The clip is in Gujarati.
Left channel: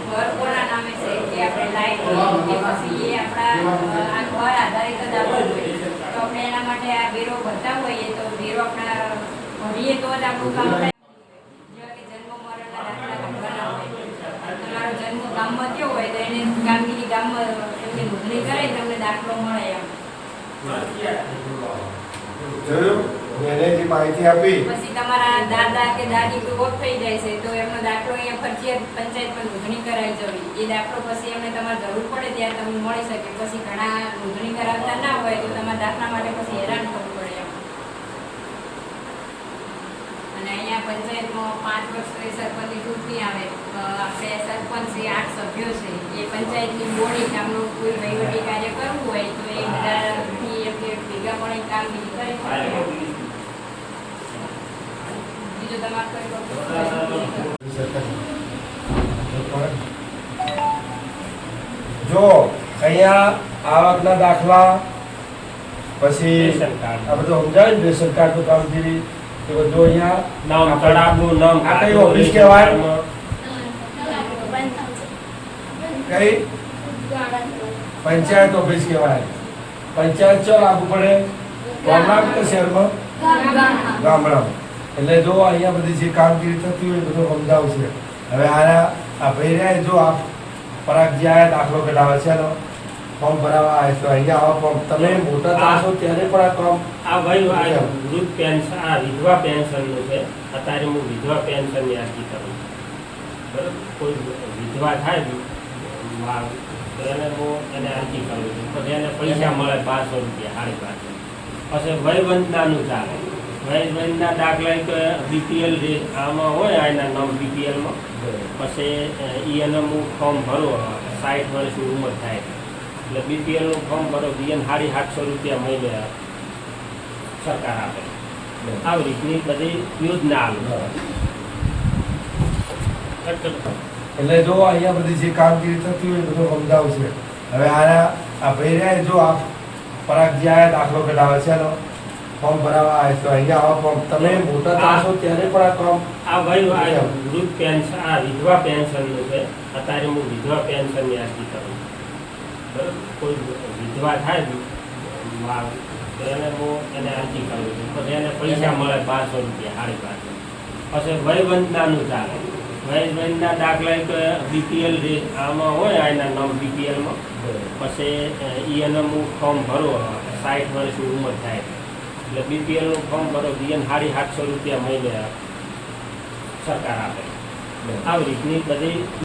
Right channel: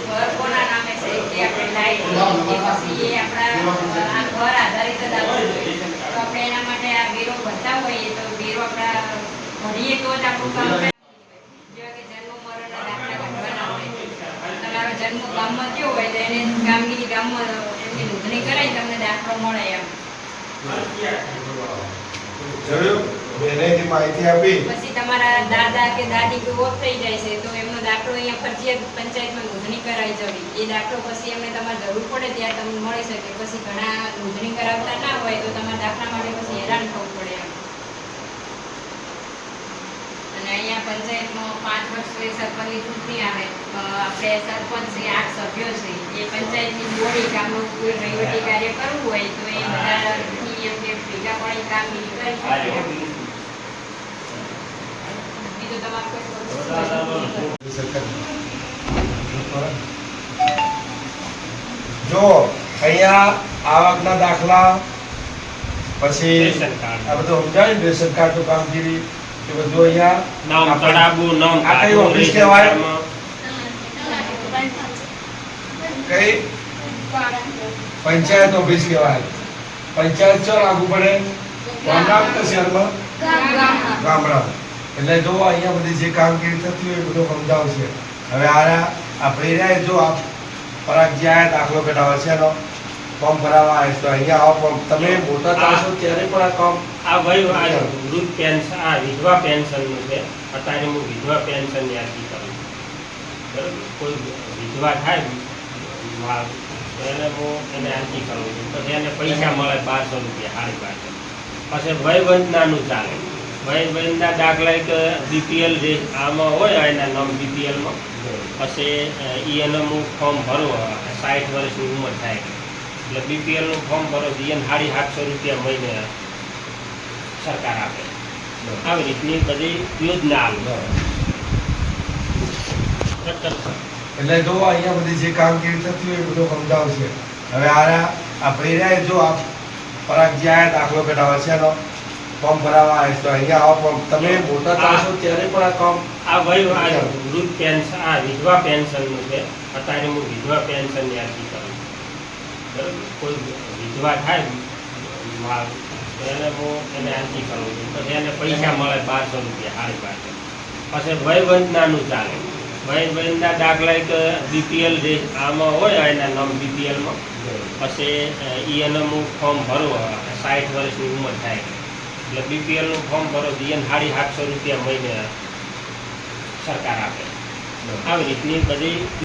ઘર કોના નામે છે લાઈટ આધારિત તો આપણે એના માટે આ વેરો ભરતા હોઈએ તો વેરો આપણા ભરીએ તો આપણું કામ જન્મ મરણના દાખલા તમારો જન્મ ગામમાં થયો હોય તો એને ગામની ગામમાં એમની નોંધણી કરે તમને દાખલો મળે એમ. એને જે માહિતી આપી પછી તમારા દાદા કે દાદી ઓફ થઈ જાય છે તો એમનો દાખલો અહીંયા ફરજિયાત પંચાયતમાં નોંધણી કરાવી જવી. એ દાખલો પછી એમને તમારે જરૂર પડે ત્યાં તમને મળી શકે. પછી ઘણા નોંધણી કરાવતા ના હોય તો તમારા દાખલા માટે પછી હેરાન થવું પડે એમ. અને અહીંયા પંચાયતમાં પાંચ વર્ષે સરપંચની ચૂંટણી આવે. તો આપણે સરપંચ છે આઠ સભ્યો છે એ પંચાયતની બોડી કામનું કોઈ વહીવટી કાર્ય કરવું હોય તો એ બધાથી એમને ભેગા પડી કામ કરી શકે બીજું તમારે કોઈ જો અહીંયા આવકના દાખલા પછી આ બધું સમજાય? ને રેશન કાર્ડનું કામગીરી એ બધું અહીંયા નામ તળાબુ નામ આ કઈ ઓફિસ કહેવાય? કઈ? પંચાયત ઓફિસ કહેવાય. પંચાયત ચો લાગુ પડે? ગામડા કે શહેરમાં? ગામડા એટલે જો અહીંયા બધી જે કામગીરી થતી હોય એ બધું સમજાવશે હવે આ આ ભાઈને જો આ પરાગજી આયા દાખલો કઢાવે છે એનો. ફોર્મ ભરાવા આવે તો અહીંયા આવો ફોર્મ. તમે મોટા થશો ત્યારે પણ આ ફોર્મ આ ભાઈ આ વૃદ્ધ પેન્શન આ વિધવા પેન્શનનું છે. અત્યારે હું વિધવા પેન્શનની અરજી કરું બરાબર? કોઈ વિધવા થાય એને હું એને અરજી કરું છું. પછી એને પૈસા મળે બારસો રૂપિયા સાડી બારસો. પછી વયવંતનાનું ચાલે. વયવંદના દાખલા એક બીપીએલ જે આમાં હોય એના નામ બીપીએલમાં પછી એને હું ફોર્મ ભરો સાઠ વર્ષની ઉંમર થાય. એટલે બીપીએલનું ફોર્મ ભરો એને સાડી સાતસો રૂપિયા મહિને સરકાર આપે. આવી રીતની બધી યોજના આવે એટલે જો અહીંયા બધી જે કામગીરી થતી હોય એ બધું સમજાવશે. હવે આ આ ભાઈ જો આ પરાગ જે દાખલો કઢાવે છે એનો ફોર્મ ભરાવા આવે તો અહીંયા આવો ફોર્મ. તમે મોટા થશો ત્યારે પણ આ ફોર્મ આ વય આ વૃદ્ધ પેન્શન આ વિધવા પેન્શનનું છે. અત્યારે હું વિધવા પેન્શનની અરજી કરું બરાબર? કોઈ વિધવા થાય એને હું એને અરજી કરું છું. પછી એને પૈસા મળે બારસો રૂપિયા સાડી બારસો. પછી વયવંતનાનું ચાલે. વયવંતના દાખલા કે બીપીએલ જે આમાં હોય એના નામ બીપીએલમાં. પછી એને હું ફોર્મ ભરું સાઠ વર્ષની ઉંમર થાય. એટલે બીપીએલનું ફોર્મ ભરો તો એને સાડી સાતસો રૂપિયા મહિને સરકાર આપે. આવી રીતની બધી